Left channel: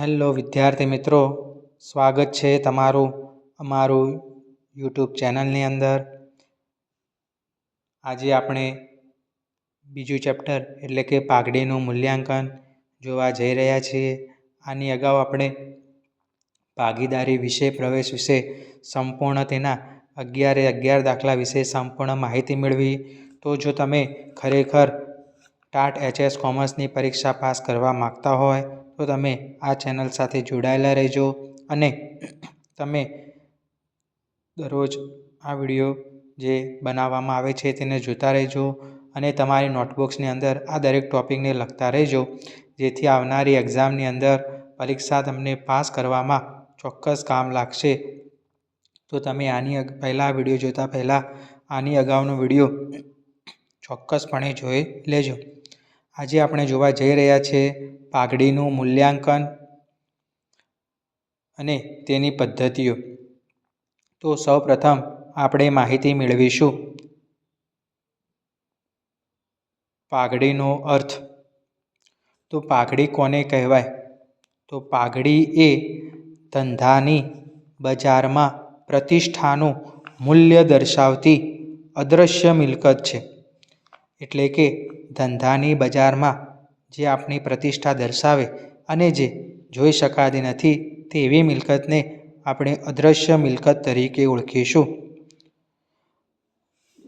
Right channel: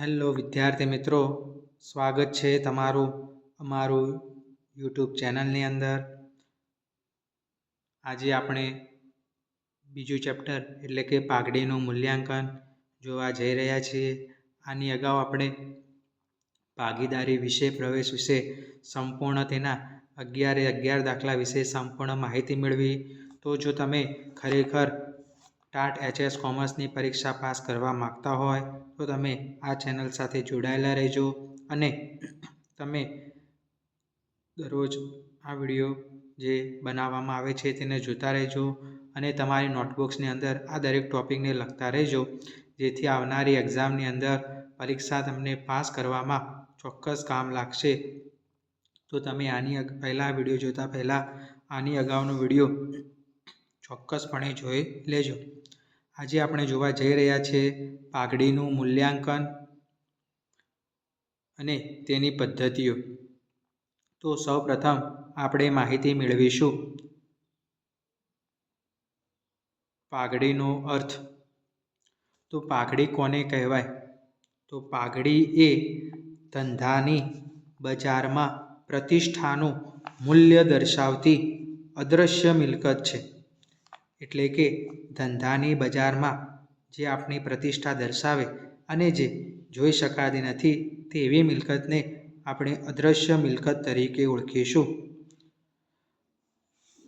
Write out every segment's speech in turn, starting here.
Hello વિદ્યાર્થી મિત્રો, સ્વાગત છે તમારું અમારું યુટ્યુબ ચેનલની અંદર. આજે આપણે બીજું ચેપ્ટર, એટલે કે પાઘડીનું મૂલ્યાંકન જોવા જઈ રહ્યા છીએ. આની અગાઉ આપણે ભાગીદારી વિશે, પ્રવેશ વિશે, સંપૂર્ણ તેના અગિયારે અગિયાર દાખલા વિશે સંપૂર્ણ માહિતી મેળવી. તો જો તમે ખરેખર ટાટ એચએસ કોમર્સની પરીક્ષા પાસ કરવા માગતા હોય તો તમે આ ચેનલ સાથે જોડાયેલા રહેજો અને તમે દરરોજ આ વીડિયો જે બનાવવામાં આવે છે તેને જોતા રહેજો અને તમારી નોટબુક્સની અંદર આ દરેક ટોપિકને લખતા રહેજો. જેથી આવનારી એક્ઝામની અંદર પરીક્ષા તમને પાસ કરવામાં ચોક્કસ કામ લાગશે. તો તમે આની પહેલાં વીડિયો જોતા પહેલાં આની અગાઉનો વીડિયો ચોક્કસપણે જોઈ લેજો. આજે આપણે જોવા જઈ રહ્યા છીએ પાઘડીનું મૂલ્યાંકન અને તેની પદ્ધતિઓ. તો સૌપ્રથમ આપણે માહિતી મેળવીશું પાઘડીનો અર્થ. તો પાઘડી કોને કહેવાય? તો પાઘડી એ ધંધાની બજારમાં પ્રતિષ્ઠાનું મૂલ્ય દર્શાવતી અદૃશ્ય મિલકત છે. એટલે કે ધંધાની બજારમાં જે આપણી પ્રતિષ્ઠા દર્શાવે અને જે જોઈ શકાતી નથી તેવી મિલકતને આપણે અદૃશ્ય મિલકત તરીકે ઓળખીશું.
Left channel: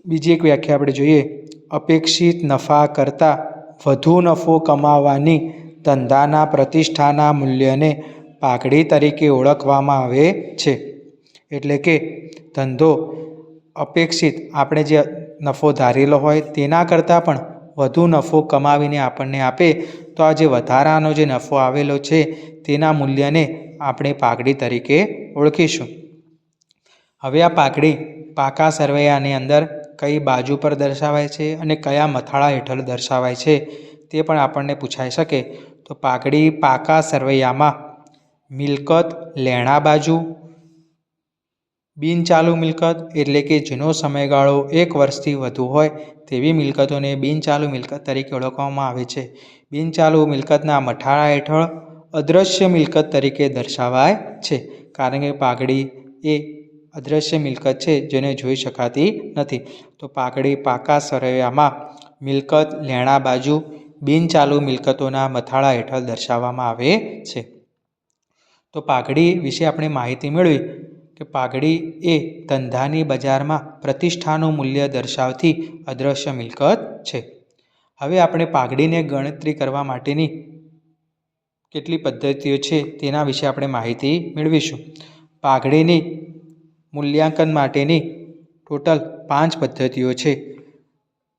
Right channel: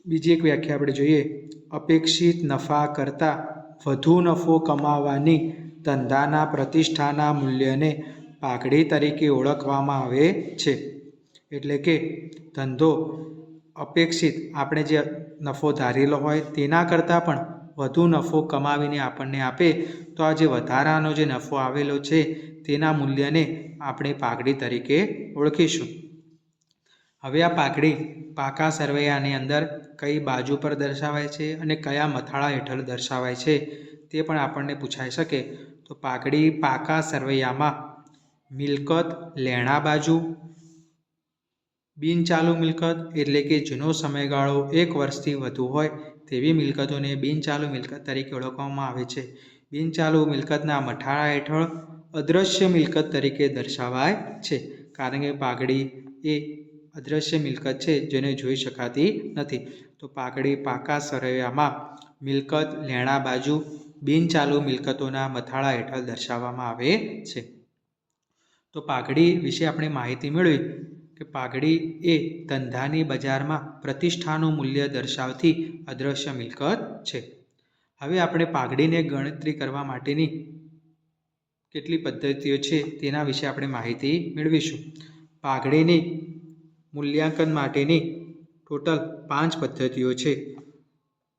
બીજી એક વ્યાખ્યા આપણે જોઈએ. અપેક્ષિત નફા કરતાં વધુ નફો કમાવાની ધંધાના પ્રતિષ્ઠાના મૂલ્યને પાઘડી તરીકે ઓળખવામાં આવે છે. એટલે કે ધંધો અપેક્ષિત આપણે જે નફો ધારેલો હોય તેના કરતાં પણ વધુ નફો કમાવીને આપણને આપે, તો આ જે વધારાનો જે નફો આવેલો છે તેના મૂલ્યને આપણે પાઘડી તરીકે ઓળખીશું. હવે આ પાઘડી પાકા સરવૈયાની અંદર કઈ બાજુ પર દર્શાવાય છે અને કયા મથાળા હેઠળ દર્શાવાય છે તે પણ આપણને પૂછાઈ શકે. તો પાઘડી પાકા સરવૈયામાં મિલકત લેણા બાજુ બિનચાલુ મિલકત એટલે કે જેનો સમયગાળો એક વર્ષથી વધુ હોય તેવી મિલકતોને બિનચાલુ મિલકત તરીકે ઓળખવામાં આવે છે. બિનચાલુ મિલકતના મઠાળા હેઠળ અદૃશ્ય મિલકત તરીકે દર્શાવાય છે, કારણ કે પાઘડી એ અદૃશ્ય મિલકત છે જેને જોઈ શકાતી નથી. તો પાઘડી પાકા સરવૈયામાં મિલકત લેણા બાજુ બિનચાલુ મિલકતોના મથાળા હેઠળ દર્શાવવામાં આવે છે. તો પાઘડી વિશે આપણે માહિતી મેળવી કે પાઘડી એ ધંધાની બજારમાં પ્રતિષ્ઠાનું મૂલ્ય દર્શાવતી અદૃશ્ય મિલકત છે. હવે આપણે પાઘડીને ગણતરી કરવા માટેની કેટલી પદ્ધતિઓ છે તેના વિશે આપણે માહિતી મેળવીશું. પાઘડીની મૂલ્યાંકન માટેની ટોટલ પાંચ પદ્ધતિઓ છે.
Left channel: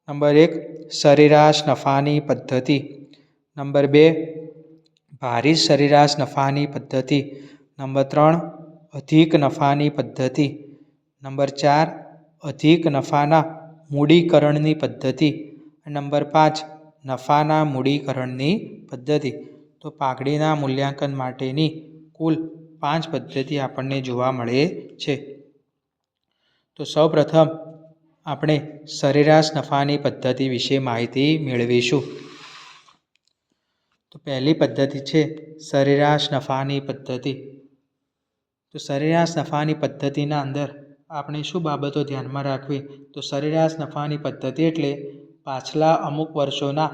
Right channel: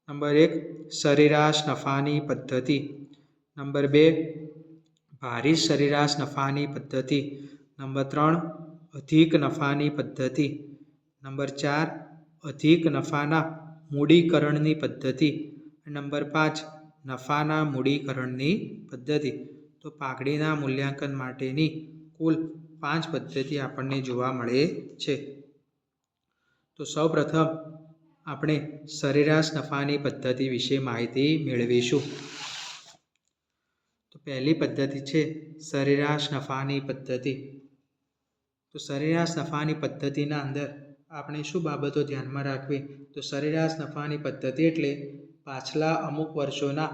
નંબર એક, સરેરાશ નફાની પદ્ધતિ. નંબર બે, ભારી સરેરાશ નફાની પદ્ધતિ. નંબર ત્રણ અધિક નફાની પદ્ધતિ. નંબર ચાર, અધિક નફાના મૂડીકરણની પદ્ધતિ. નંબર પાંચ, નફાના મૂડીકરણની પદ્ધતિ. તો પાઘડીના મૂલ્યાંકન માટેની કુલ પાંચ પદ્ધતિ આપણને જોવા મળે છે. તો સૌપ્રથમ આપણે સરેરાશ નફાની પદ્ધતિ વિશે માહિતી મેળવીશું. તો પહેલી પદ્ધતિ છે સરેરાશ નફાની પદ્ધતિ. તો સરેરાશ નફાની પદ્ધતિના અંદર આપણે શું બાબતો ધ્યાનમાં રાખવી? તો સરેરાશ નફાની પદ્ધતિ એટલે પાછલા અમુક વર્ષોના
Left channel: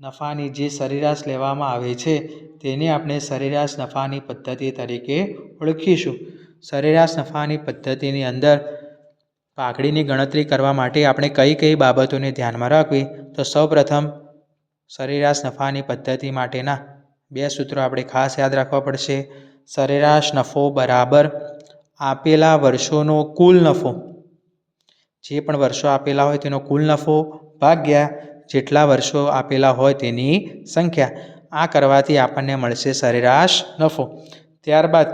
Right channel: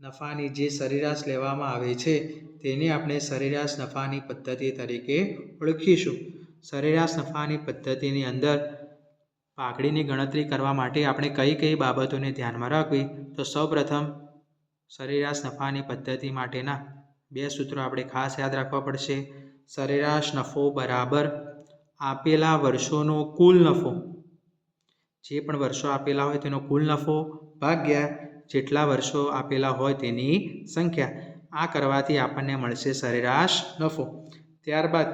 નફાની જે સરેરાશ લેવામાં આવે છે, તેને આપણે સરેરાશ નફાની પદ્ધતિ તરીકે ઓળખીશું. સરેરાશ નફાની પદ્ધતિની અંદર પાઘડીની ગણતરી કરવા માટે આપણે કઈ કઈ બાબતોને ધ્યાનમાં રાખવી? તો સૌપ્રથમ સરેરાશ નફાની પદ્ધતિ માટેના બે સૂત્રો આપણે ખાસ યાદ રાખવા પડશે. સરેરાશ નફો બરાબર આપેલા વર્ષોનો કુલ નફો. જે પણ વર્ષો આપેલા હોય તેનો કુલ નફો ભાગ્યા જેટલા વર્ષો આપેલા હોય તેની સંખ્યા. આ કરવાથી આપણને મળશે સરેરાશ નફો. ત્યારબાદ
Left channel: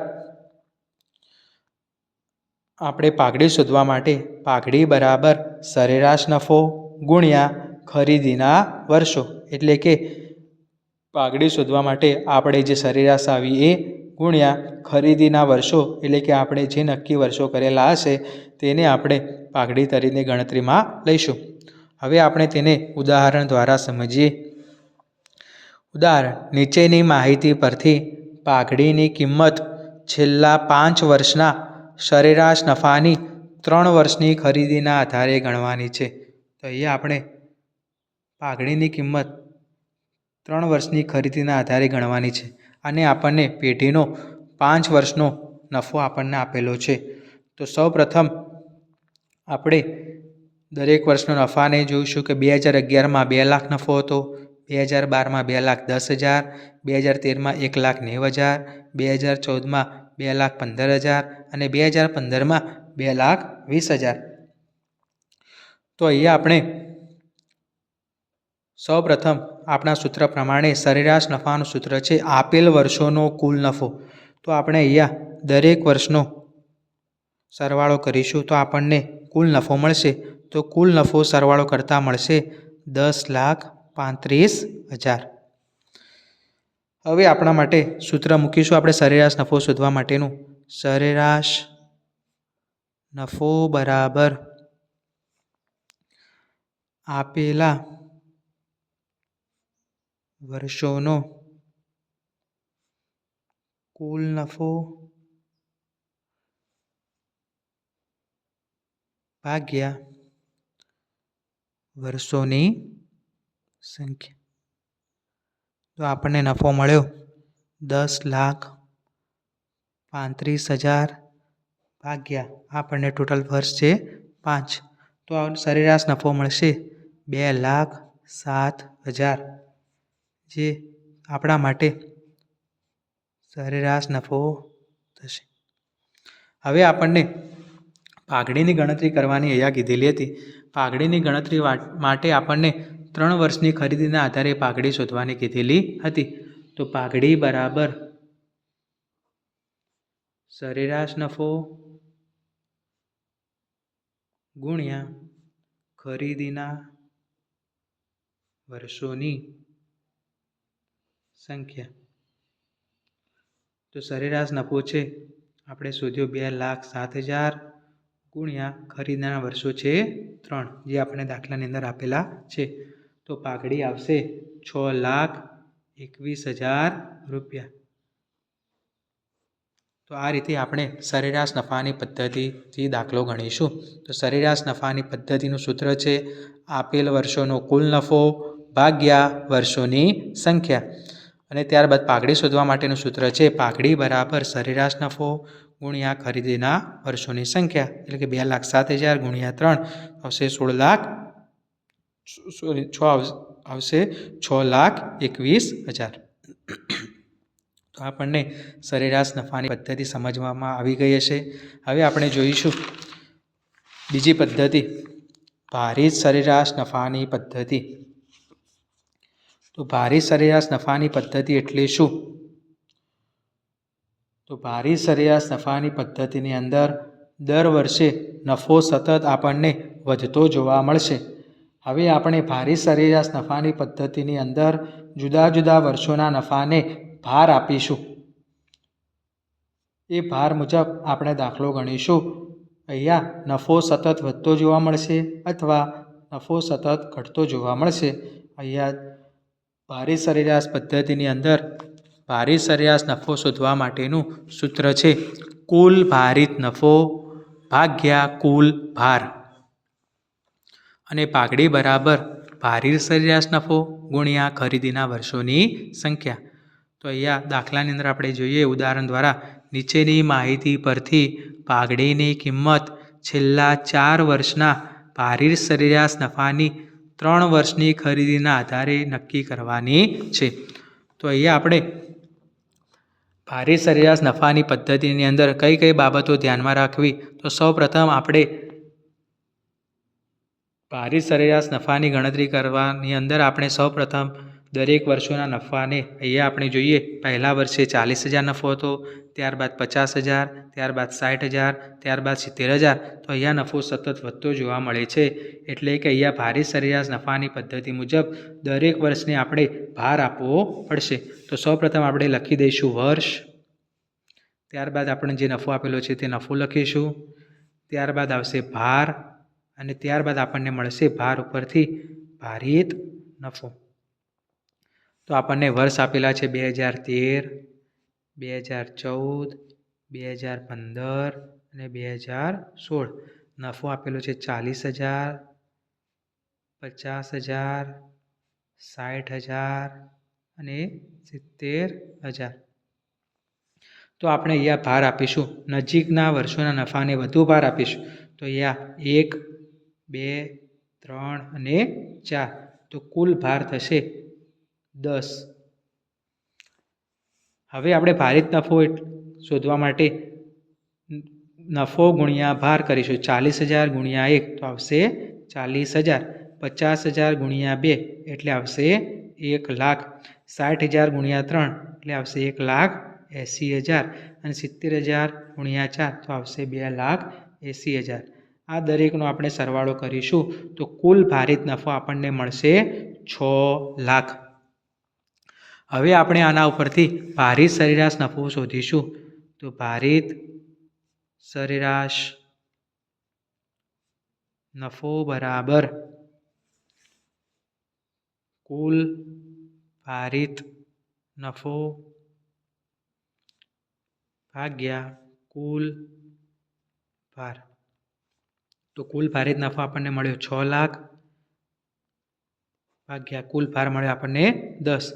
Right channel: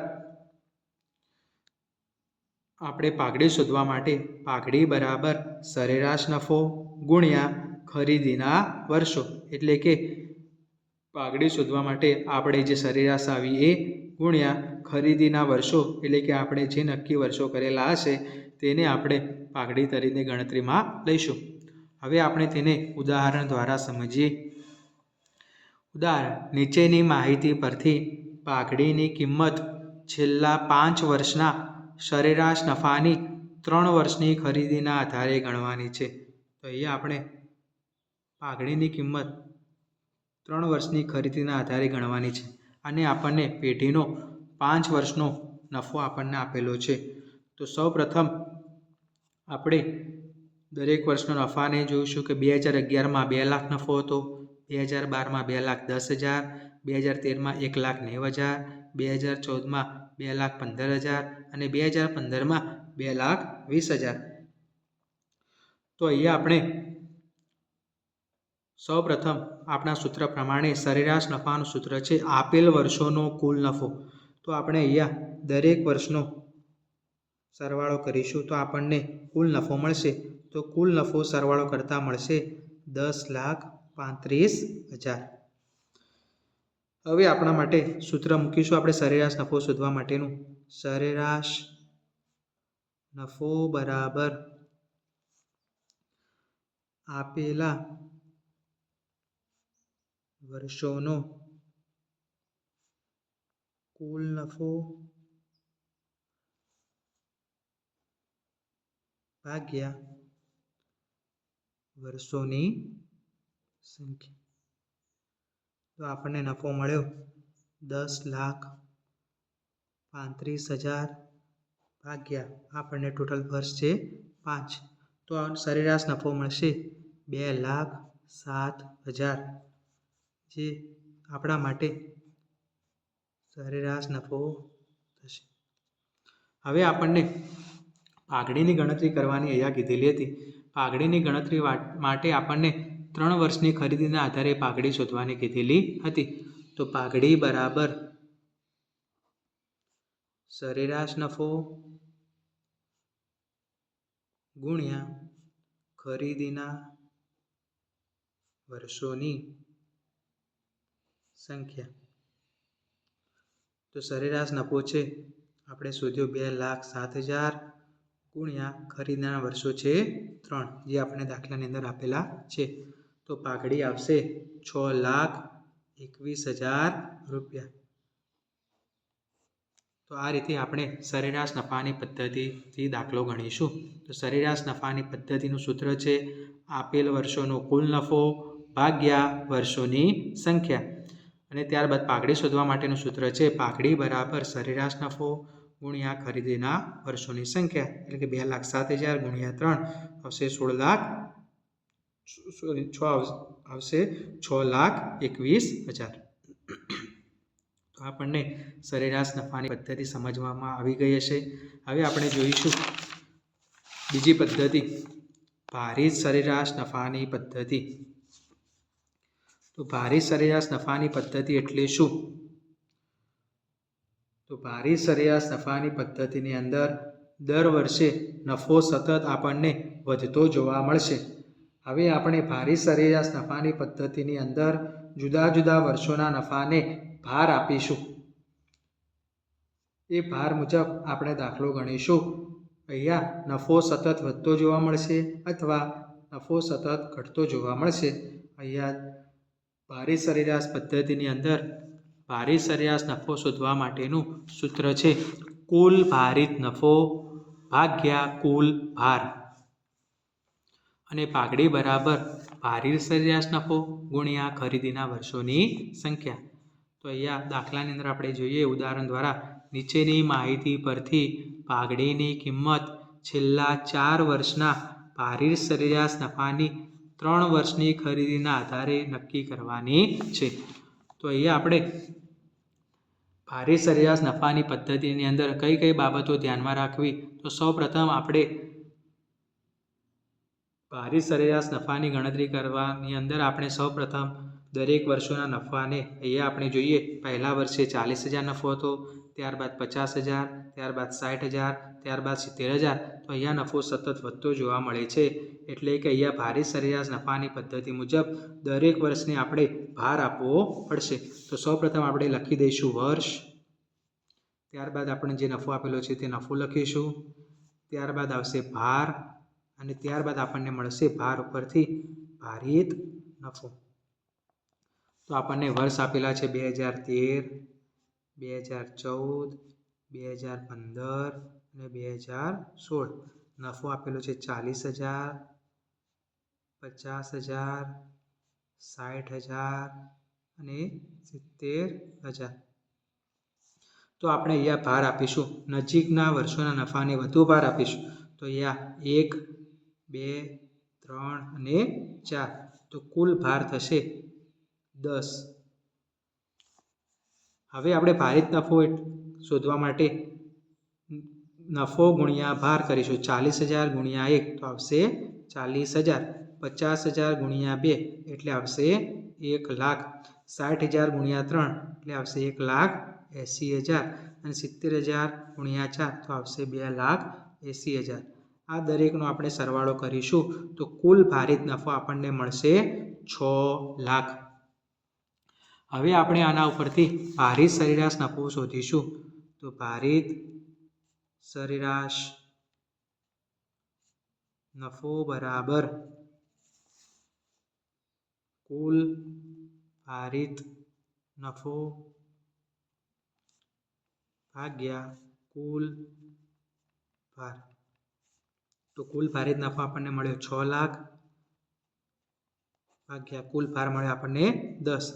આપણે પાઘડી શોધવા માટે પાઘડી બરાબર સરેરાશ નફો ગુણ્યા ખરીદીના વર્ષો. એટલે કે પાઘડી શોધવા માટે આપણે જે સરેરાશ આવી એ ગુણ્યા ખરીદીના વર્ષો, એટલે કે આપણે જે નક્કી વર્ષો કરેલા હશે, તેને આપણે પાઘડી તરીકે ગણતરીમાં લઈશું. હવે આપણે તેને ઉદાહરણ દ્વારા સમજીએ. ઉદાહરણ, નીચેની માહિતી પરથી પાઘડીની કિંમત છેલ્લા પાંચ વર્ષના સરેરાશ નફાની ત્રણ વર્ષની ખરીદીના આધારે ગણવાની છે. તો અહીંયા આપણે પાઘડીની કિંમત ત્રણ વર્ષની ખરીદીના આધારે ગણવાની છે. અને આપણને પેઢીનો પાંચ વર્ષનો નફો આપણને આપેલો છે. તો સૌપ્રથમ આપણે દરેક વર્ષનો નફાને જોઈશું કે બે હજાર અગિયારમાં બે લાખ નફો હતો, બે હજાર બારમાં બે લાખ દસ હજાર, બે હજાર તેરમાં એક લાખ નેવું હજાર, બે હજાર ચૌદમાં બે લાખ પંદર હજાર અને બે હજાર પંદરમાં બે લાખ વીસ હજાર. તો અહીંયા આપણે સૌપ્રથમ આપણા સૂત્ર પ્રમાણે સરેરાશ નફાનું સૂત્ર છે આપેલ વર્ષોનો કુલ નફો. તો આપણે અહીંયા દરેક વર્ષનો સરવાળો કરીશું તો આપણને કુલ નફો મળશે. તો કુલ નફો સરવાળો કરતાં મળશે દસ લાખ પાંત્રીસ હજાર. હવે આપણા માટે સૂત્ર મૂકીશું. આપણે સરેરાશ નફો શોધવા માટેનું. સરેરાશ નફો બરાબર આપેલા વર્ષોનો કુલ નફો ભાગ્યા વર્ષોની સંખ્યા. તો આપણને નફો મળ્યો દસ લાખ પાંત્રીસ હજાર ભાગ્યા. આપણને ટોટલ વર્ષ છે પાંચ. તો આ સરેરાશ નફો મળશે બે લાખ સાત હજાર. જે આપણા માટે સરેરાશ નફો થશે. હવે આપણને પાઘડીની ગણતરી કરવાની અહીંયા કીધેલી હતી. પાઘડીની ગણતરી માટે આપણને ત્રણ વર્ષની ખરીદીના આધારે પાઘડી શોધવાની કીધેલી હતી. તો પાઘડી બરાબર સરેરાશ નફો ગુણ્યા ખરીદીના વર્ષોની સંખ્યા. તો સરેરાશ નફો છે, આપણે શોધ્યો બે લાખ સાત હજાર ગુણ્યા ખરીદનારા વર્ષો છે ત્રણ, જે આપણે દાખલાની અંદર આપેલા છે. તો પાઘડી આવશે છ લાખ એકવીસ હજાર રૂપિયા. તો આ રીતે આપણે સરેરાશ નફાની પદ્ધતિથી દાખલો ગણીશું. તો સરેરાશ નફાની પદ્ધતિનું સૂત્ર છે, આપેલ વર્ષોનો કુલ નફો ભાગ્યા વર્ષોની સંખ્યા. અને ત્યારબાદ પાઘડી શોધવા માટેનું સૂત્ર છે, પાઘડી બરાબર સરેરાશ નફો ગુણ્યા ખરીદીના વર્ષોની સંખ્યા. એટલે કે બે લાખ સાત હજાર ગુણ્યા ત્રણ આવશે સોળ લાખ, સોરી, છ આવશે છ લાખ એકવીસ હજાર. તો આપણને સરેરાશ નફાની પદ્ધતિ સમજવામાં આવી ગઈ હશે. હવે આપણે જોઈશું બીજી પદ્ધતિ ભારિત સરેરાશ નફાની પદ્ધતિ. તો ભારી સરેરાશ નફાની પદ્ધતિ એટલે શું? તો ભારી સરેરાશ નફાની પદ્ધતિની અંદર દર વર્ષે નફો સતત આપણને વધતો જોવા મળશે. હવે આપણે ભારી સરેરાશ નફાની પદ્ધતિની અંદર જુદા જુદા વર્ષોના નફાને ભાર આપીશું. એ ભાર મુજબ આપણે દાખલો ગણીશું. અહીંયા નફો સતત વધતો જોવા મળશે અથવા નફો સતત ઘટતો જોવા મળશે. અહીંયા ભારિત સરેરાશ પદ્ધતિની અંદર ભારી સરેરાશ નફો શોધવા માટેનું સૂત્ર છે કુલ ભારિત નફો ભાગ્યા કુલ ભાર. અને પાઘડી બરાબર ભારી સરેરાશ નફો ગુણ્યા ખરીદીના વર્ષોની સંખ્યા. તો અહીંયા દાખલાની અંદર આપણે જોઈએ ઉદાહરણ દ્વારા નીચેની માહિતી પરથી પાઘડીની કિંમત છેલ્લા ચાર વર્ષના ભારી સરેરાશ નફાની ત્રણ વર્ષની ખરીદીના આધારે નક્કી કરવાની છે. તો અહીંયા આપણે ભારે સરેરાશ નફાની પદ્ધતિની અંદર કઈ કઈ બાબતો ધ્યાનમાં રાખવી? તો સૌપ્રથમ આપણે ભારે સરેરાશ નફાની ગણતરી કરવાની અંદર આપણે સૌપ્રથમ દરેક વર્ષોના નફાને અહીંયા આપણે જોઈએ, પહેલા વર્ષે ચાલીસ હજાર નફો હતો, ત્યારબાદ પચાસ હજાર, ત્યારબાદ સાઠ હજાર, ત્યારબાદ સિત્તેર હજાર, તો અહીંયા નફો સતત વધતો જોવા મળે છે. એટલે કે અહીંયા ભારે સરેરાશ નફાની પદ્ધતિ મુજબ દરેક વર્ષને આપણે ભાર આપવો પડશે. તો સૌપ્રથમ આપણે લખી દઈશું વર્ષ, ત્યારબાદ આપણે જે નફો આપેલો છે તે નફો લખીશું, ત્યારબાદ આવશે ભાર, અને ત્યારબાદ આપણને મળશે ભાર ઉપરથી ભારિત નફો. તો આપણને વર્ષ આપેલા છે બે હજાર તેર, બે હજાર ચૌદ, બે હજાર પંદર અને બે હજાર સોળ. નફો આપેલો છે ચાલીસ હજાર, પચાસ હજાર સાઠ હજાર અને સિત્તેર હજાર. તો આપણે અહીંયા ભાર આપીશું. નજીકના વર્ષોના નફાને વધુ ભાર આપીશું. તો અહીંયા એક, બે, ત્રણ અને ચાર. તો કુલ ભાર થશે દસ. હવે આપણે ભારિત નફો શોધવા માટે નફો ગુણ્યા ભાર કરીશું. ચાલીસ હજાર ગુણ્યા એક તો આવશે ચાલીસ હજાર. પચાસ હજાર ગુણ્યા બે એટલે આવશે એક લાખ. સાઠ હજાર ગુણ્યા ત્રણ એટલે આવશે એક લાખ એંસી હજાર. અને સિત્તેર હજાર ગુણ્યા ચાર તો આવશે બે લાખ એંસી હજાર. આ દરેકનો આપણે સરવાળો કરીશું તો કુલ ભારિત નફો આપણને મળશે છ લાખ. હવે આપણે આના ઉપરથી ભારિત સરેરાશ નફો શોધીશું. તો ભારિત સરેરાશ નફો બરાબર કુલ ભારિત નફો ભાગ્યા કુલ ભાર. તો કુલ ભારિત નફો આપણને મળ્યો છ લાખ, ભાગ્યા કુલ ભાર મળ્યો આપણને દસ.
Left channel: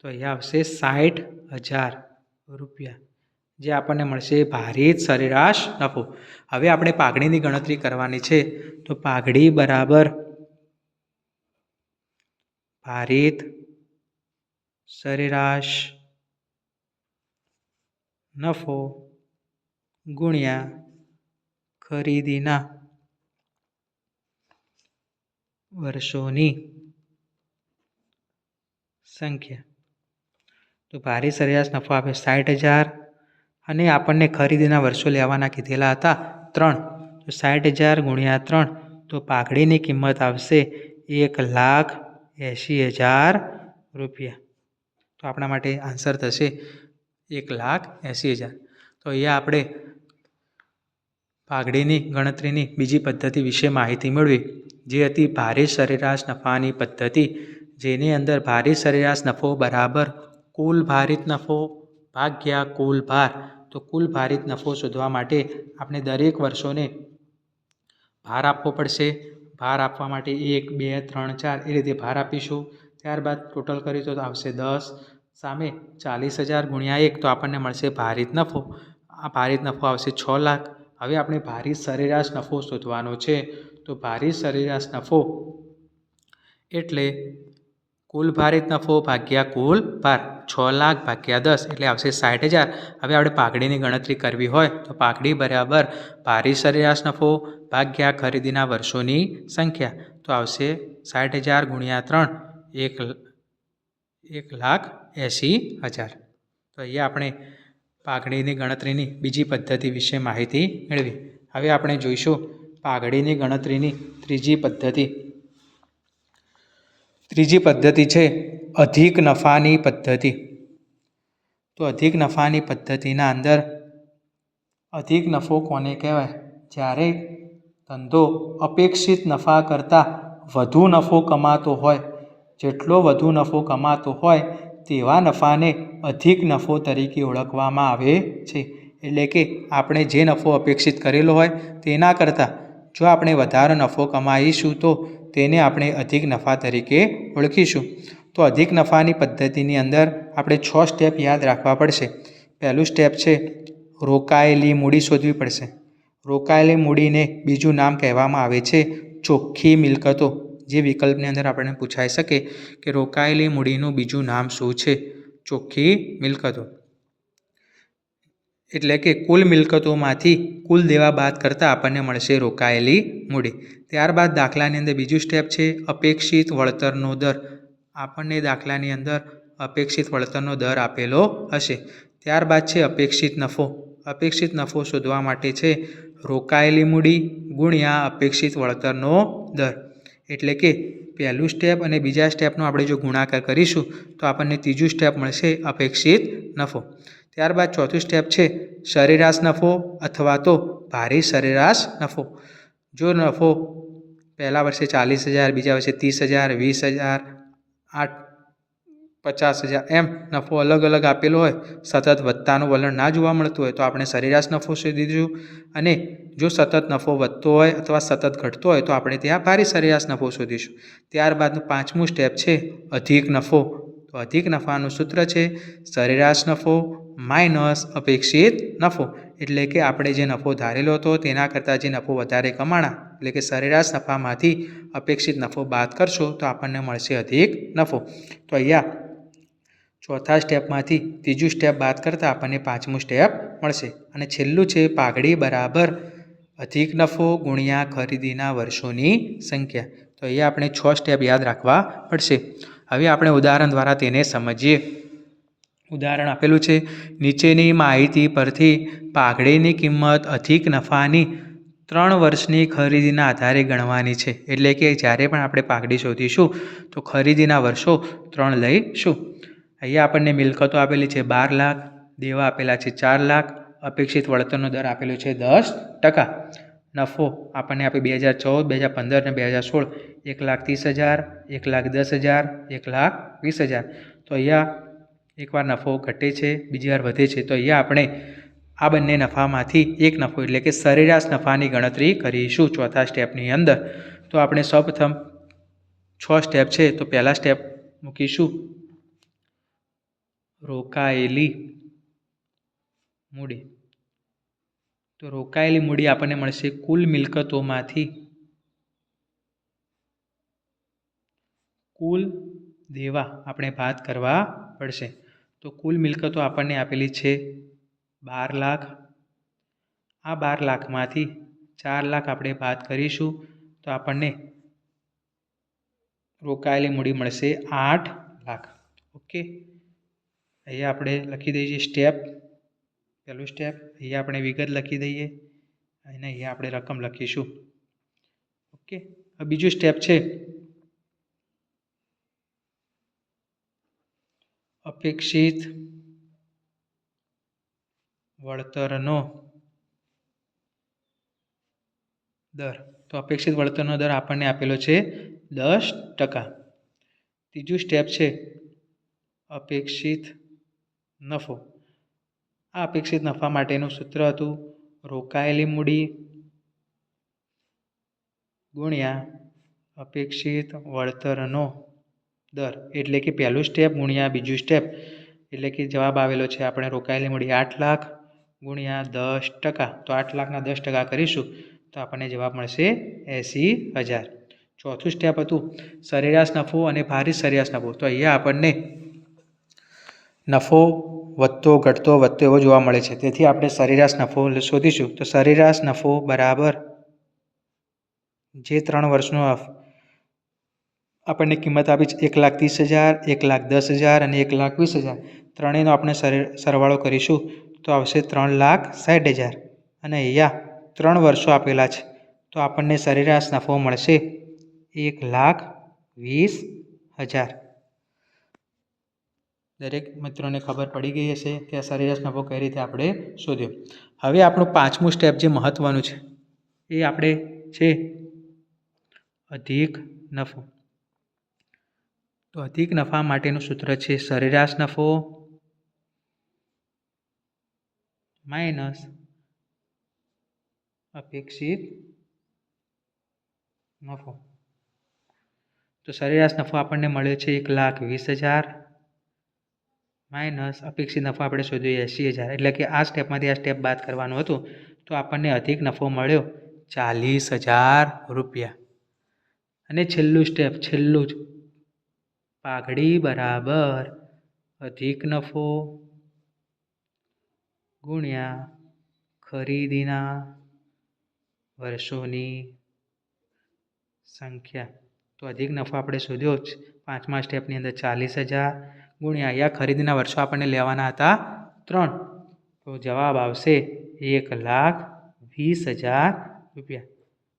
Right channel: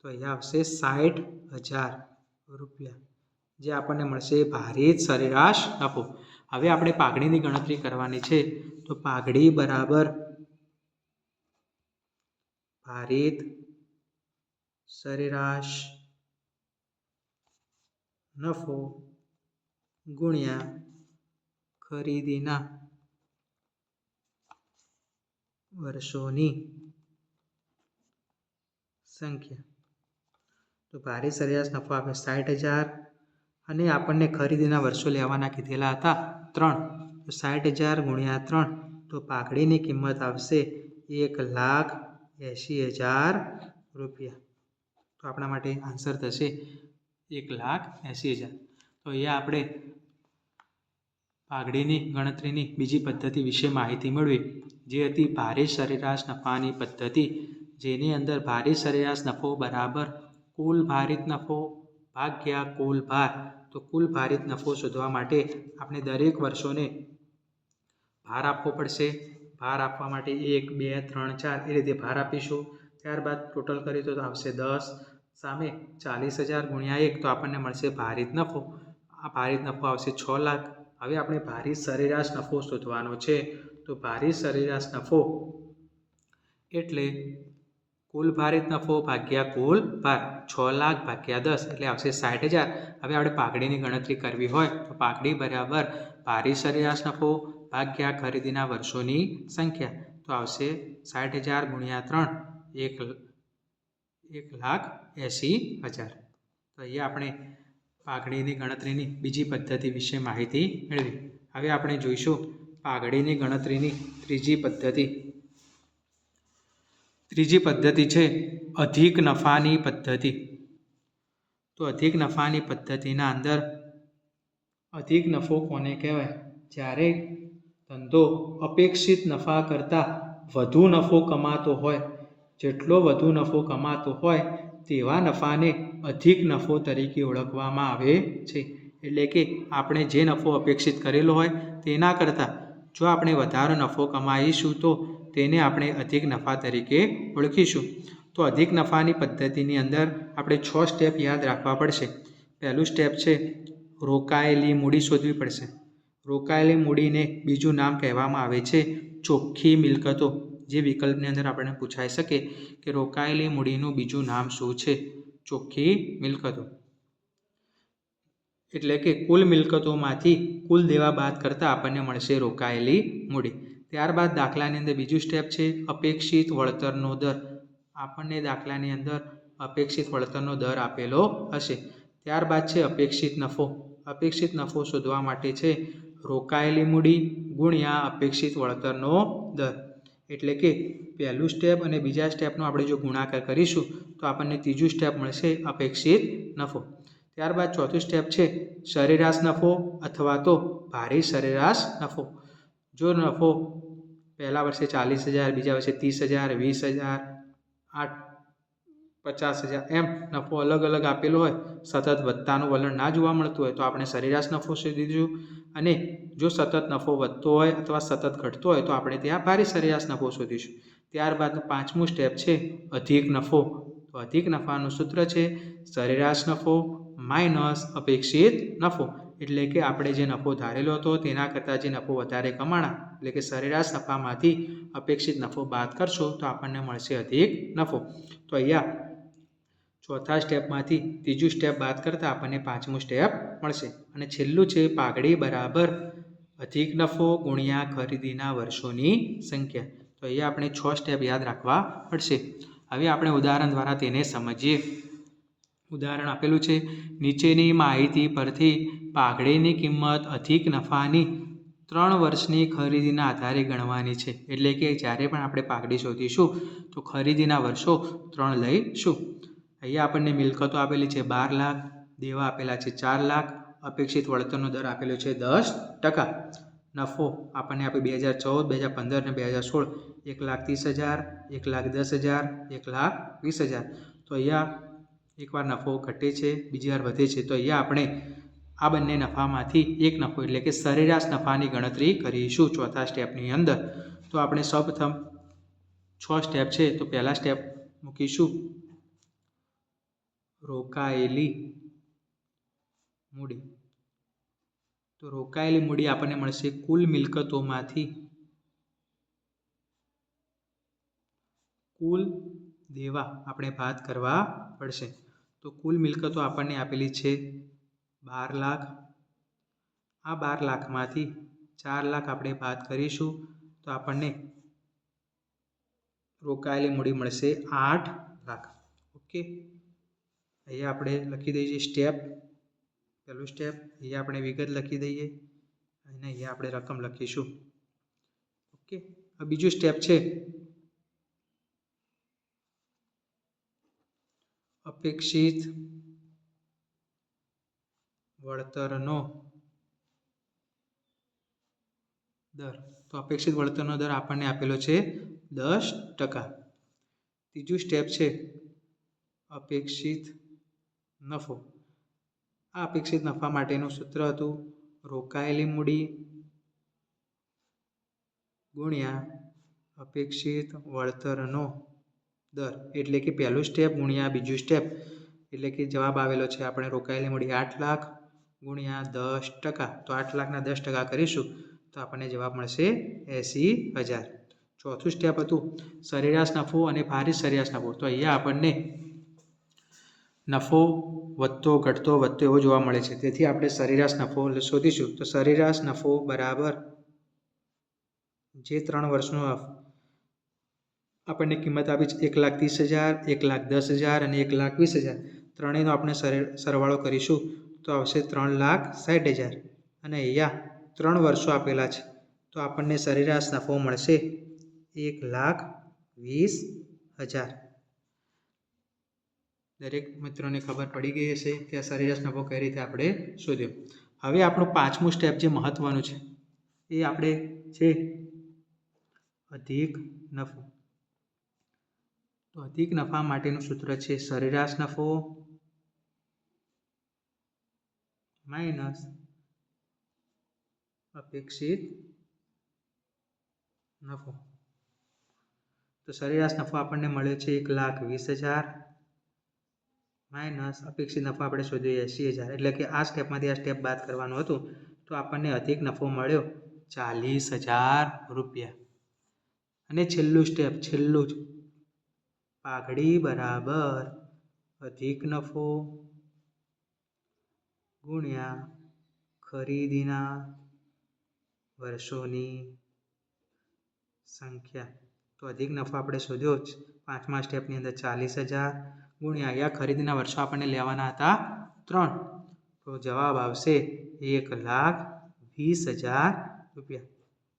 તો અહીંયા આવશે સાઠ હજાર રૂપિયા. જે આપણને મળશે ભારિત સરેરાશ નફો. હવે આપણે પાઘડીની ગણતરી કરવાની છે. તો પાઘડી બરાબર ભારિત સરેરાશ નફો ગુણ્યા ખરીદીના વર્ષોની સંખ્યા. તો ભારે સરેરાશ નફો આપે સાઠ હજાર અને આપણને ખરીદીના વર્ષો લેવાના કીધેલા હતા ત્રણ. તો સાઠ હજાર ગુણ્યા ત્રણ, તો પાઘડીની કિંમત આવશે એક લાખ એંશી હજાર રૂપિયા. તો આપણા માટે આન્સર થશે એક લાખ એંસી હજાર. તો અહીંયા આપણે પાઘડીની ગણતરીની બીજી પદ્ધતિ વિશે માહિતી મેળવી, જે હતી ભારે સરેરાશ નફાની પદ્ધતિ, જેની અંદર ભારે સરેરાશ નફો બરાબર કુલ ભારિત નફો ભાગ્યા કુલ ભાર. તો કુલ ભારિત નફો શોધવા માટે આપણે દરેક વર્ષોને ભાર આપવો પડશે. ભાર આપવા માટે એક, બે, ત્રણ, ચાર એ રીતે ભાર આપીશું. ત્યારબાદ ટોટલ કરીએ તો આવશે દસ, સામે ચાલીસ હજાર ગુણ્યા એક તો આપણને મળશે ભારિત નફો. આ ભારિત નફો આવશે છ લાખ. હવે આપણે ભારી સરેરાશ નફો શોધવાનો છે. તો ભારી સરેરાશ નફો એટલે કુલ ભારિત નફો ભાગ્યા કુલ ભાર છ લાખ ભાગ્યા દસ એટલે આવશે સાઠ હજાર. હવે આપણે પાઘડીની ગણતરી કરવી હોય તો પાઘડી બરાબર ભારી સરેરાશ નફો ભાગ્યા ખરીદીના વર્ષોની સંખ્યા. તો આવશે સાઠ હજાર ગુણ્યા ત્રણ, એક એક લાખ એંસી હજાર. તો અહીંયા આપણે પાઘડીની ગણતરીની બીજી પદ્ધતિ વિશે માહિતી મેળવી. હવે આપણે જોઈશું પાઘડીની ગણતરીની ત્રીજી પદ્ધતિ. ત્રીજી પદ્ધતિ છે અધિક નફાની પદ્ધતિ. તો અધિક નફાની પદ્ધતિના અંદર અધિક નફો કોને કહેવાય? જ્યારે ધંધો અપેક્ષિત નફા કરતાં વધુ નફો કમાતો હોય, જેટલો વધુ નફો કમાતો હોય તેવા નફાને અધિક નફો તરીકે ઓળખવામાં આવે છે. એટલે કે આપણે જે નફો અપેક્ષિત કરેલો હોય તેના કરતાં જો આપણે વધારે નફો કમાઈશું તો તેને આપણે અધિક નફા તરીકે ઓળખીશું. તો અધિક નફાની પદ્ધતિની અંદર આપણે છ સ્ટેપ યાદ રાખવા પડશે. પહેલું સ્ટેપ છે, રોકાયેલી મૂડી શોધવી પડશે. રોકાયેલી મૂડીને બીજું નામ કહેવામાં આવે છે, ચોખ્ખી મિલકતો. જે વિકલ્પની અંદર આપણને પૂછાઈ શકે કે રોકાયેલી મૂડીનું બીજું નામ શું છે? ચોખ્ખી મિલકતો. એટલે કે કુલ મિલકતોમાંથી કુલ દેવા બાદ કરતાં આપણને મળશે રોકાયેલી મૂડી. ત્યારબાદ દાખલાની અંદર બીજું સ્ટેપ છે અપેક્ષિત વળતરનો દર. આપણને દાખલાની અંદર અપેક્ષિત વળતરનો દર આપેલો હશે. ત્યારબાદ છે અપેક્ષિત નફો. અપેક્ષિત નફો શોધવા માટે છે રોકાયેલી મૂડી ગુણ્યા અપેક્ષિત વળતરનો દર. એટલે કે પહેલું સ્ટેપ અને બીજા સ્ટેપનો આપણે જો ગુણાકાર કરીશું તો આપણને ત્રીજું સ્ટેપ મળશે અપેક્ષિત નફો. ત્યારબાદ ચોથું સ્ટેપ છે સરેરાશ નફો અથવા તો ભારે સરેરાશ નફો. જો નફો પહેલા વર્ષે ચાલીસ હજાર, બીજા વર્ષે ત્રીસ હજાર, વીસ હજાર, આઠ, પચાસ હજાર, એમ નફો અલગ અલગ આપેલો હોય, સતત વધતાનું વલણ ના જોવા મળતું હોય તો આપણે સરેરાશ નફો શોધી દીધું. અને જો સતત નફો વધતો હોય અથવા સતત ઘટતો હોય તો આપણે ત્યાં ભારી સરેરાશ નફો શોધીશું. ત્યારબાદનું પાંચમું સ્ટેપ છે અધિક નફો. તો અધિક નફાનું સૂત્ર છે સરેરાશ નફો માઇનસ અપેક્ષિત નફો. એટલે કે આપણે જે નફો ધારેલો હતો તેના કરતાં જે નફો વધારે કમાણા, એટલે કે સરેરાશ નફામાંથી અપેક્ષિત નફો બાદ કરશો તો આપણને મળશે અધિક નફો. તો અહીંયા ચોથા સ્ટેપમાંથી ત્રીજું સ્ટેપ બાદ કરતાં આપણને પાંચમું સ્ટેપ મળશે. અને છેલ્લું છે પાઘડી બરાબર અધિક નફો ગુણ્યા ખરીદીના વર્ષોની સંખ્યા. તો અહીંયા આપણે છ સ્ટેપ યાદ રાખવા પડશે. હવે આપણે ઉદાહરણ દ્વારા તેને સમજીએ. ઉદાહરણ આપેલું છે, નીચેની માહિતી પરથી પાઘડીની કિંમત અધિક નફાની ત્રણ વર્ષની ખરીદીના આધારે ગણવાની છે. એટલે કે જ્યારે પણ આપણે પાઘડી શોધીશું, તો ખરીદીના વર્ષો ત્રણ લઈશું. અહીંયા આપણને મિલકતો આપેલી છે બાર લાખ, દેવા આપેલા છે ચાર લાખ, અપેક્ષિત વળતરનો દર આપેલો છે દસ ટકા. નફો આપણને આપે બે હજાર ચૌદ, બે હજાર પંદર અને બે હજાર સોળ. એક લાખ ત્રીસ હજાર, એક લાખ દસ હજાર, એક લાખ વીસ હજાર. તો અહીંયા એકવાર નફો ઘટે છે, બીજી વાર વધે છે, તો અહીંયા આપણે આ બંને નફામાંથી એક નફો એટલે કે સરેરાશ નફાની ગણતરી કરીશું ચોથા સ્ટેપની અંદર. તો આપણે સૌપ્રથમ છ સ્ટેપ છે, તો પહેલાં સ્ટેપ મૂકીશું. રોકાયેલી મૂડી. તો રોકાયેલી મૂડી આપણને મળશે કુલ મિલકતોમાંથી. કુલ દેવા આપણે ભાત કરવા પડશે. તો કુલ મિલકતો આપણને આપેલી છે બાર લાખ. આ બાર લાખમાંથી ચાર લાખ આપણે બાદ કરીશું તો આપણને રોકાયેલી મૂડી મળશે આઠ લાખ. ઓકે? અહીંયા આપણે લખી દઈએ સ્ટેપ. પહેલું સ્ટેપ, અહીંયા આપણે વિગત લખી દઈએ અને અહીંયા આપણે રકમ લખીશું. ઓકે? બીજું સ્ટેપ છે અપેક્ષિત વળતરનો દર. તો અપેક્ષિત વળતરનો દર આપણને આપેલો છે દસ ટકા. ત્રીજું સ્ટેપ છે અપેક્ષિત નફો. આ અપેક્ષિત નફા માટેનું સૂત્ર હતું રોકાયેલી મૂડી ગુણ્યા અપેક્ષિત વળતરનો દર. એટલે કે પહેલું સ્ટેપ ગુણ્યા બીજું સ્ટેપ એટલે કે જવાબ આવેલો છે, આપણે રોકાયેલી મૂડી આઠ લાખ ગુણ્યા દસ ટકા. તો આઠ લાખના દસ ટકા કરીશું, તો આપણને જવાબ મળશે એંસી હજાર. ચોથું સ્ટેપ હતું, સરેરાશ નફો અને ભારી સરેરાશ નફો. તો અહીંયા આપણને નફો વધતો, ઘટતો, વધતો એવો જોવા મળે છે. તેથી આપણે સરેરાશ નફો શોધીશું. તો સરેરાશ નફો બરાબર જે ત્રણ વર્ષનો આપણને કિંમત આપી છે એક લાખ ત્રીસ હજાર, એક લાખ દસ હજાર અને એક લાખ વીસ હજાર. ત્રણેયનો આપણે સરવાળો કરીશું તો આવશે ત્રણ લાખ સાઠ હજાર. અને અહીંયા ત્રણ વર્ષો આપેલા છે. તો આપણને સરેરાશ નફો મળશે એક લાખ વીસ હજાર. દરેક મિત્રોને ખબર પડી ગઈ હશે કે આ સરેરાશ નફો કઈ રીતે આપણે શોધ્યો. હવે આપણું પાંચમું સ્ટેપ જે મહત્ત્વનું છે એ આપણે છે અધિક નફો. તો અધિક નફા માટેનું સૂત્ર છે સરેરાશ નફો માઇનસ અપેક્ષિત નફો. તો સરેરાશ નફો આપણને મળ્યો છે એક લાખ વીસ હજાર માઇનસ અપેક્ષિત નફો આપણે શોધ્યો એંસી હજાર. એટલે કે આ સ્ટેપમાંથી આ સ્ટેપ બાદ કરવાનું હતું, તો આપણને અધિક નફો મળ્યો ચાલીસ હજાર રૂપિયા. અને છેલ્લું સ્ટેપ, છેલ્લું જ પાઘડી બરાબર અધિક નફો. ગુણ્યા ખરીદીના વર્ષોની સંખ્યા. તો અધિક નફો આપણે શોધ્યો જ. પાંચમા સ્ટેપની અંદર ચાલીસ હજાર. ગુણ્યા અહીંયા ખરીદીના વર્ષો આપણને લેવાના હતા ત્રણ. તો જવાબ આવશે એક લાખ વીસ હજાર રૂપિયા.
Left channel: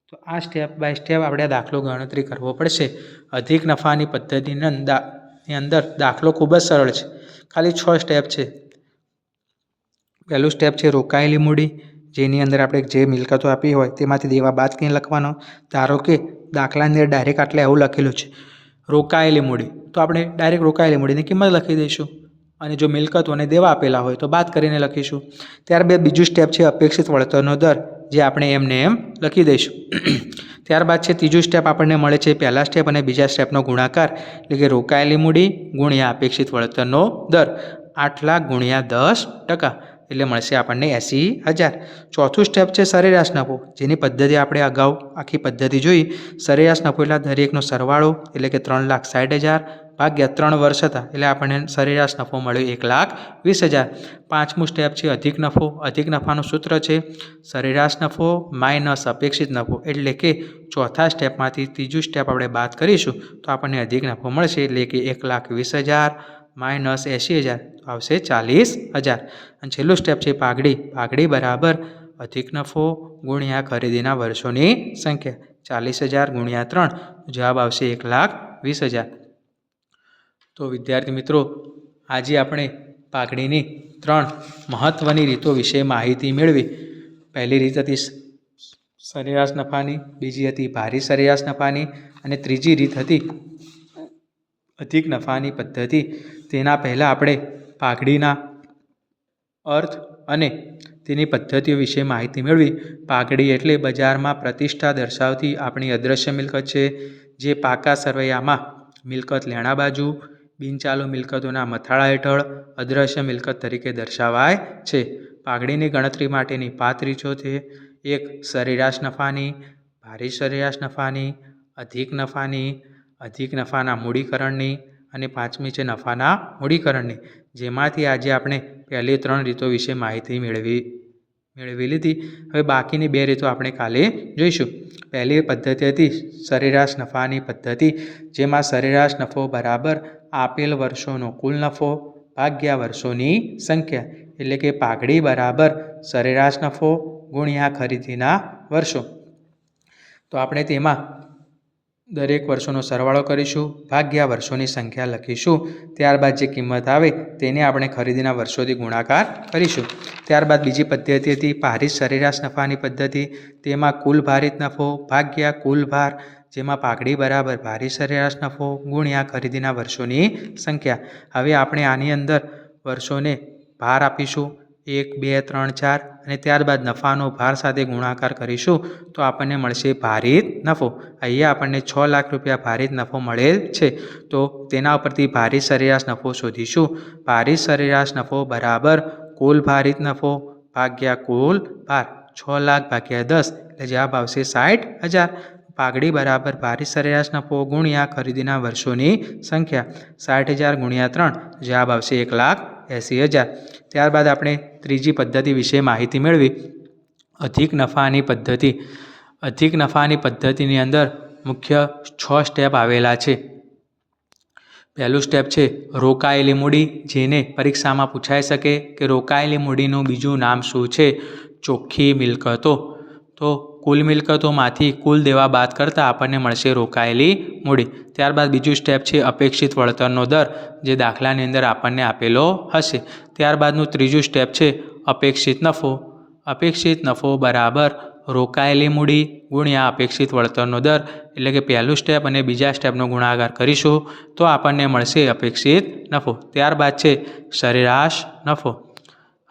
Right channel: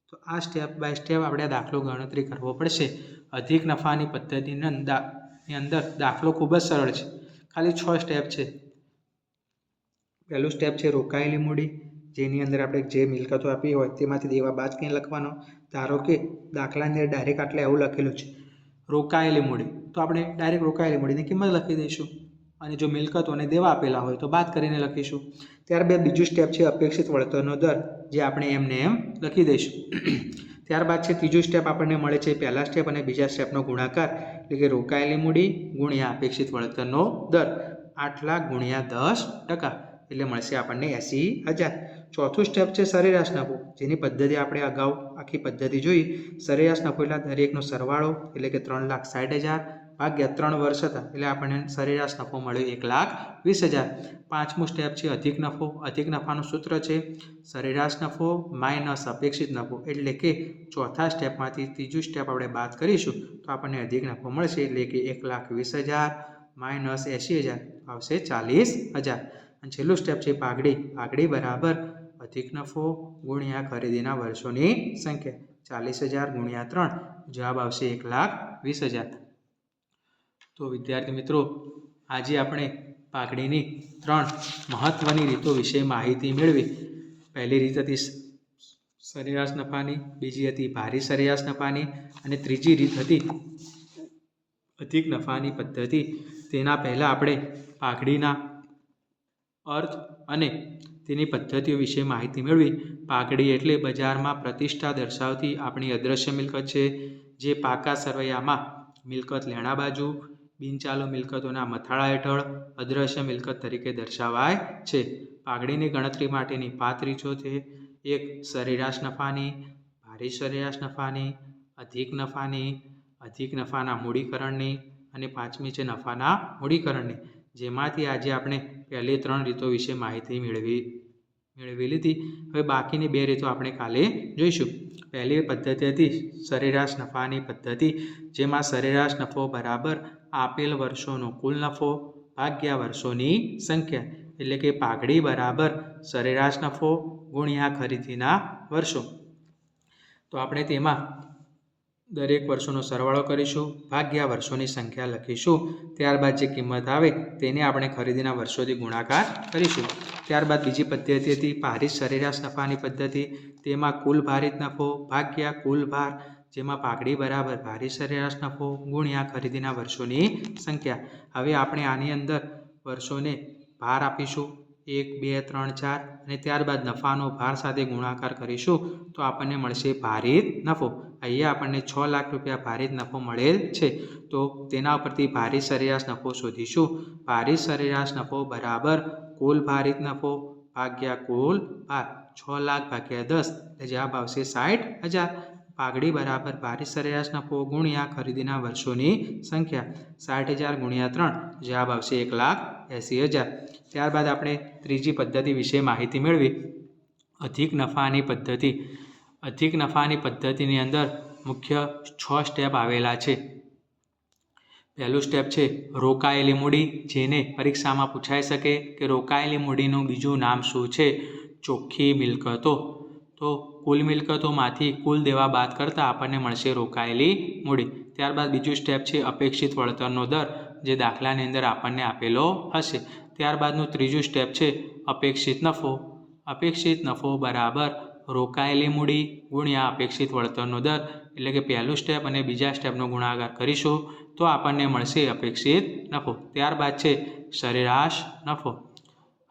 તો આ સ્ટેપ બાય સ્ટેપ આપણે દાખલો ગણતરી કરવો પડશે. અધિક નફાની પદ્ધતિની ની અંદર દાખલો ખૂબ જ સરળ છે. ખાલી છ સ્ટેપ છે. પહેલું સ્ટેપ છે રોકાયેલી મૂડી, જેની અંદર આપણે જે મિલકતો આપી હોય તેમાંથી દેવા બાદ કંઈ લખવાનો. ધારો કે દાખલાની અંદર ડાયરેક્ટ આટલે એવું લખેલું છે. રોકાયેલી મૂડી. તો આપણે ડાયરેક્ટ રોકાયેલી મૂડીની કિંમત લખી દઈશું. અને જો મિલકતોને દેવા આપેલા હોય તો બાદ કરીને લખીશું. ત્યારબાદ બીજું સ્ટેપ છે અપેક્ષિત વળતરનો દર, જે આપણે એમને એમ લખી દઈશું. ત્યારબાદ છે ત્રીજું સ્ટેપ આપણને મળે છે પહેલા સ્ટેપ અને બીજા સ્ટેપનો ગુણાકાર, એટલે કે રોકાયેલી મૂડી ગુણ્યા અપેક્ષિત વળતરનો દર આઠ લાખ ગુણ્યા દસ ટકા, એટલે મળશે આપણને એંસી હજાર. ચોથું સ્ટેપ છે સરેરાશ નફો, જેની પદ્ધતિ આપણે અગાઉ આખી પદ્ધતિ જોઈ, સરેરાશ નફો એટલે દરેકનો સરવાળો, એટલે કે ત્રણ લાખ સાઠ હજાર ભાગ્યા ત્રણ વર્ષ હતા એટલે આપણને સરેરાશ નફો મળ્યો એક લાખ વીસ હજાર. પાંચમું સ્ટેપ છે અધિક નફો. અધિક નફાનું સૂત્ર છે સરેરાશ નફો માઇનસ અપેક્ષિત નફો. એટલે કે ચોથા સ્ટેપમાંથી ત્રીજું સ્ટેપ આપણે બાદ કરીશું તો આપણને અધિક નફો મળશે. એટલે કે એક લાખ વીસ હજાર માઇનસ એંશી હજાર આવશે ચાલીસ હજાર. અને છેલ્લું સ્ટેપ છે પાઘડી. પાઘડી બરાબર અધિક નફો ગુણ્યા ખરીદીના વર્ષોની સંખ્યા. ચાલીસ હજાર ગુણ્યા ત્રણ. જવાબ આવશે એક લાખ વીસ હજાર. તો વિદ્યાર્થી મિત્રો, આજે આપણે પાઘડીની ત્રણ મહત્ત્વની રીતો વિશે માહિતી મેળવી. પહેલી રીત હતી સરેરાશ નફાની, બીજી હતી ભારી સરેરાશ નફાની અને ત્રીજી રીત હતી અધિક નફાની પદ્ધતિ. તેના પહેલાં આપણે પાઘડીના અર્થ અને તેની પદ્ધતિઓ વિશે માહિતી મેળવી. પાઘડી એટલે બજારમાં પ્રતિષ્ઠા દર્શાવતી આપણી અદૃશ્ય મિલકત છે, જે પાકા સરવૈયામાં મિલકત લેણા બાજુ બિનચાલુ મિલકતોના મથાળા હેઠળ અદૃશ્ય મિલકત તરીકે દર્શાવાય છે. પાઘડીની ગણતરી માટેની પાંચ રીતો છે. એક, સરેરાશ નફાની, ભારી સરેરાશ નફાની, અધિક નફાની, અધિક નફાના મૂડીકરણની અને પાંચમી છે નફાના મૂડીકરણની. જેમાંથી આજે આપણે પહેલી ત્રણ રીતો વિશે માહિતી મેળવી મેળવી લીધી. હવે બાકીની બે રીતો આપણે કાલે જોઈશું. પહેલી પદ્ધતિ હતી સરેરાશ નફાની પદ્ધતિ, જેમાં સરેરાશ નફો બરાબર આપેલ વર્ષોનો કુલ નફો ભાગ્યા વર્ષોની સંખ્યા. એટલે કે પાઘડી બરાબર સરેરાશ નફો ગુણ્યા ખરીદીના વર્ષો. તો આપણે તેમાં દરેક વર્ષોનો સરવાળો કરીશું, ભાગ્યા વર્ષોની સંખ્યા લખીશું. ત્યારબાદ જે કિંમત આવે તેને આપણે ખરીદીના વર્ષોથી ગુણાકાર કરીશું. ત્યારબાદ બીજી પદ્ધતિ હતી ભારિત સરેરાશ નફાની પદ્ધતિ. તેમાં કુલ ભારિત નફો ભાગ્યા કુલ ભાર જેમાં પાઘડી બરાબર ભારી સરેરાશ નફો ગુણ્યા ખરીદીના વર્ષોની સંખ્યા. હવે આપણે આની અંદર વર્ષોને ભાર આપીશું. એક, બે, ત્રણ, ચાર અને ત્યારબાદ નફાનો ભાર સાથે ગુણાકાર કરીશું તો આપણને મળશે ભારિત નફો. અહીંયા આપણને છ લાખ રૂપિયા ભારિત નફો મળેલ છે. તો તેના ઉપરથી ભારિત સરેરાશ નફો શોધીશું. ભારિત સરેરાશ નફો બરાબર કુલ ભારિત નફો ભાગ્યા કુલ ભાર. છ લાખ ભાગ્યા દસ એટલે જવાબ આવશે સાઠ હજાર. પાઘડી બરાબર ભારિત સરેરાશના પો ગુણ્યા ખરીદીના વર્ષોની સંખ્યા સાઠ હજાર ગુણ્યા ત્રણ, જવાબ આવશે એક લાખ એંસી હજાર. ત્યારબાદ આપણે ત્રીજી પદ્ધતિ વિશે માહિતી મેળવી. અધિક નફાની પદ્ધતિ. અધિક નફાની પદ્ધતિની અંદર મુખ્ય છ સ્ટેપ આવેલા છે. પહેલું સ્ટેપ છે, રોકાયેલી મૂડી જેને પરીક્ષામાં પૂછાઈ શકે કે રોકાયેલી મૂડીનું બીજું નામ શું છે? ચોખ્ખી મિલકતો. તો કુલ મિલકતોમાંથી કુલ દેવા બાદ કરતાં આપણને મળશે રોકાયેલી મૂડી. ત્યારબાદ બીજું સ્ટેપ છે અપેક્ષિત વળતરનો દર, જે દાખલાની અંદર આપણને આપેલો હશે. ત્યારબાદનું ત્રીજું સ્ટેપ છે અપેક્ષિત નફો. અપેક્ષિત નફો બરાબર રોકાયેલી મૂડી ગુણ્યા અપેક્ષિત વળતરનો દર, એટલે કે પહેલું સ્ટેપ અને બીજા સ્ટેપનો ગુણાકાર કરીશું, તો આપણને મળશે અપેક્ષિત નફો. ત્યારબાદ છે સરેરાશ નફો.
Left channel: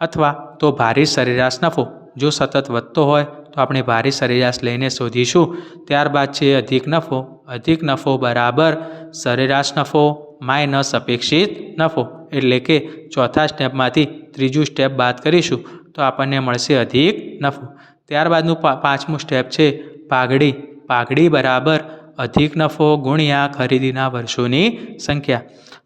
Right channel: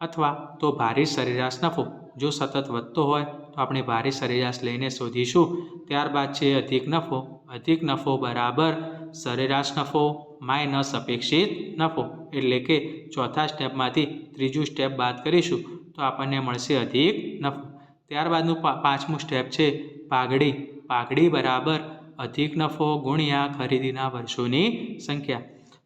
અથવા તો ભારી સરેરાશ નફો. જો સતત વધતો હોય તો આપણે ભારી સરેરાશ લઈને શોધીશું. ત્યારબાદ છે અધિક નફો. અધિક નફો બરાબર સરેરાશ નફો માઇનસ અપેક્ષિત નફો. એટલે કે ચોથા સ્ટેપમાંથી ત્રીજું સ્ટેપ બાદ કરીશું તો આપણને મળશે અધિક નફો. ત્યારબાદનું પાંચમું સ્ટેપ છે પાઘડી. પાઘડી બરાબર અધિક નફો ગુણ્યા ખરીદીના વર્ષોની સંખ્યા.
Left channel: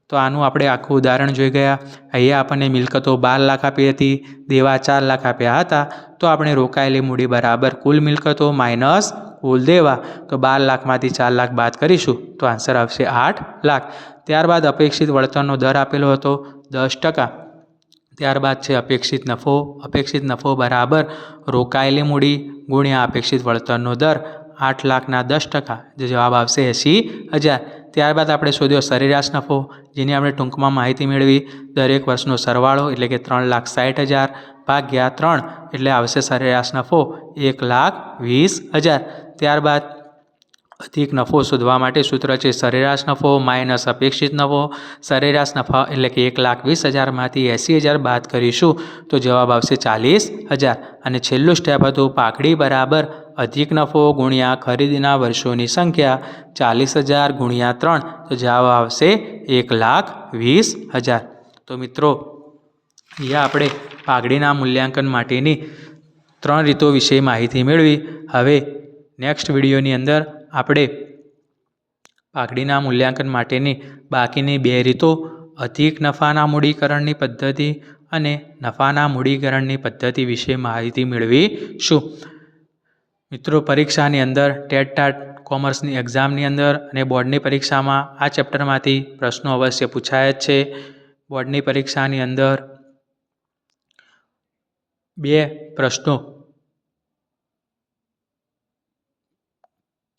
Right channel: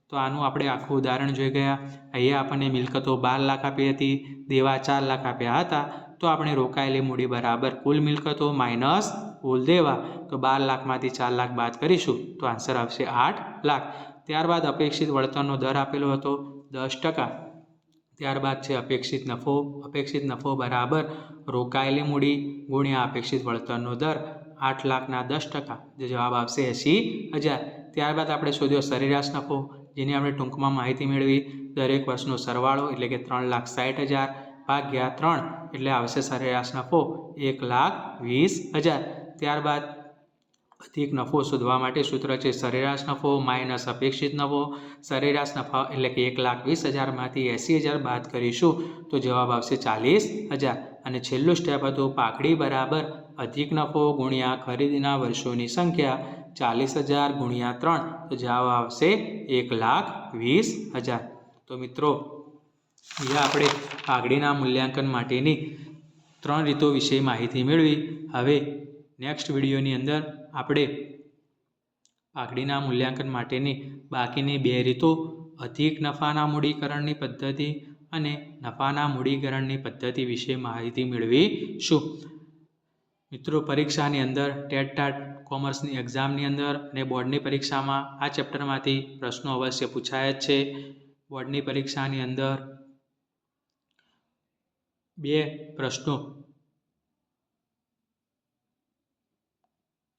તો આનું આપણે આખું ઉદાહરણ જોઈ ગયા. અહીંયા આપણને મિલકતો બાર લાખ આપી હતી, દેવા ચાર લાખ આપ્યા હતા. તો આપણે રોકાયેલી મૂડી બરાબર કુલ મિલકતો માઇનસ કુલ દેવા. તો બાર લાખમાંથી ચાર લાખ બાદ કરીશું. તો આન્સર આવશે આઠ લાખ. ત્યારબાદ અપેક્ષિત વળતરનો દર આપેલો હતો દસ ટકા. ત્યારબાદ છે અપેક્ષિત નફો. અપેક્ષિત નફો બરાબર રોકાયેલી મૂડી ગુણ્યા અપેક્ષિત વળતરનો દર આઠ લાખના દસ ટકા. જે જવાબ આવશે એંસી હજાર. ત્યારબાદ આપણે શોધ્યો સરેરાશ નફો. જેની આપણે ટૂંકમાં માહિતી મેળવી, દરેક વર્ષનો સરવાળો એટલે કે ત્રણ લાખ સાઠ હજાર ભાગ્યા ત્રણ એટલે આવશે સરેરાશ નફો એક લાખ વીસ હજાર. ત્યારબાદ અધિક નફો શોધવા માટે સૂત્ર છે સરેરાશ નફો માઇનસ અપેક્ષિત નફો. સરેરાશ નફા એટલે કે એક લાખ વીસ હજારમાંથી એંસી હજાર બાદ કરીશું. તો જવાબ આવશે ચાલીસ હજાર. અને છેલ્લું સ્ટેપ હતું પાકડી બરાબર. અધિક નફો ગુણ્યા ખરીદીના વર્ષોની સંખ્યા ચાલીસ હજાર ગુણ્યા ત્રણ. તો જવાબ આવશે એક લાખ વીસ હજાર. તો મિત્રો, અહીંયા આપણે પાઘડીના મૂલ્યાંકન માટેની ત્રણ રીતો વિશે માહિતી મેળવી. હવે નેક્સ્ટ વિડીયોની અંદર આપણે પાઘડીના મૂલ્યાંકન માટેની બાકીની બે રીતો, અધિક નફાના મૂડીકરણની પદ્ધતિ અને નફાના મૂડીકરણની પદ્ધતિ વિશે માહિતી મેળવીશું. મિત્રો, પરીક્ષાની અંદર ટેટ ટાટ કોમર્સની એક્ઝામની અંદર અને બોર્ડની પરીક્ષામાં આ ચેપ્ટરમાંથી પ્રશ્નો અવશ્ય પૂછાય જ છે. બોર્ડની પરીક્ષાની અંદર બે પ્રશ્નો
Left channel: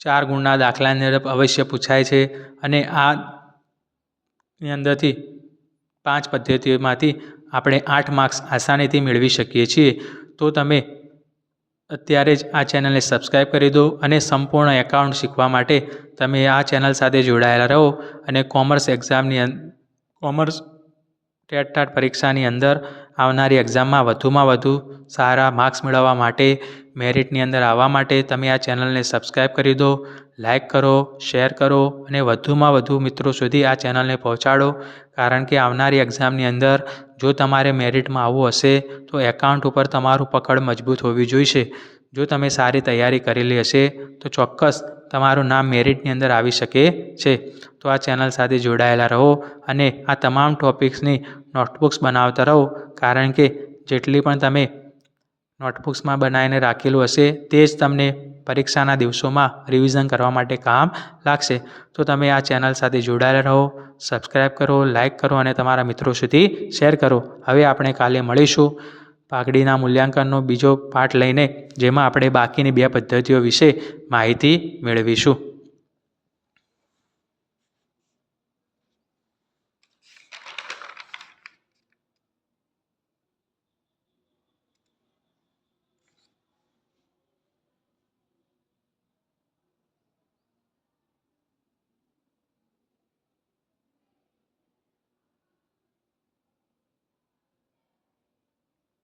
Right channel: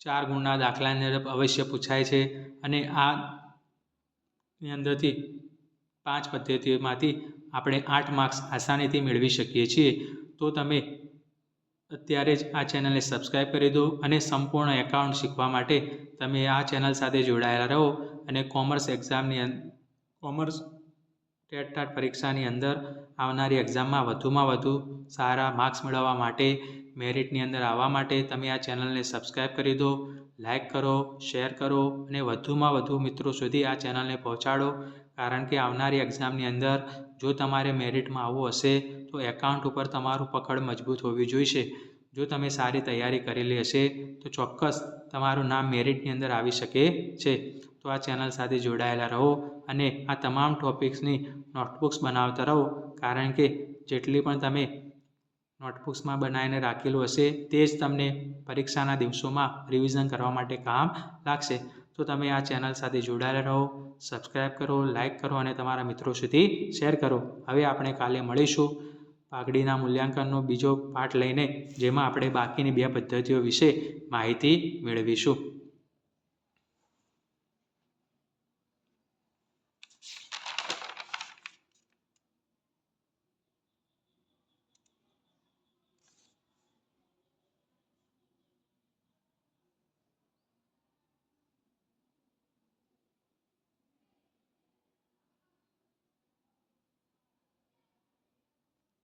ચાર ગુણના દાખલાની અંદર અવશ્ય પૂછાય છે અને આ ની અંદરથી પાંચ પદ્ધતિઓમાંથી આપણે આઠ માર્ક્સ આસાનીથી મેળવી શકીએ છીએ. તો તમે અત્યારે જ આ ચેનલને સબસ્ક્રાઈબ કરી દો અને સંપૂર્ણ એકાઉન્ટ શીખવા માટે તમે આ ચેનલ સાથે જોડાયેલા રહો અને કોમર્સ એક્ઝામની કોમર્સ ટેટ ટાટ પરીક્ષાની અંદર આવનારી એક્ઝામમાં વધુમાં વધુ સારા માર્ક્સ મેળવવા માટે મેરિટની અંદર આવવા માટે તમે આ ચેનલને સબસ્ક્રાઈબ કરી દો લાઈક કરો, શેર કરો અને વધુમાં વધુ મિત્રો સુધી આ ચેનલને પહોંચાડો. કારણ કે આવનારી એક્ઝામની અંદર જો તમારે મેરિટમાં આવવું હશે, તો એકાઉન્ટ ઉપર તમારું પકડ મજબૂત હોવી જોઈશે. જો તમે સારી તૈયારી કરેલી હશે, તો ચોક્કસ તમારું નામ મેરિટની અંદર આવી શકે છે. તો આ ચેનલ સાથે જોડાયેલા રહો અને આ તમામ ટૉપિક્સની નોટબુક્સ બનાવતા રહો. કારણ કે જેટલી પણ તમે નોટબુક્સમાં બનાવીને રાખેલું હશે તે જ તમને પરીક્ષાના દિવસોમાં રિવિઝન કરવા માટે કામ લાગશે. તો તમે આ ચેનલ સાથે જોડાયેલા રહો સબસ્ક્રાઈબ કરો લાઇક કરો અને તમારા મિત્રો સુધી શેર કરો. હવે આપણે કાલે મળીશું પાઘડીના મૂલ્યાંકનનો બીજો પાઠ લઈને, જેમાં આપણે બાકીની બે પદ્ધતિઓ વિશે માહિતી મેળવીશું.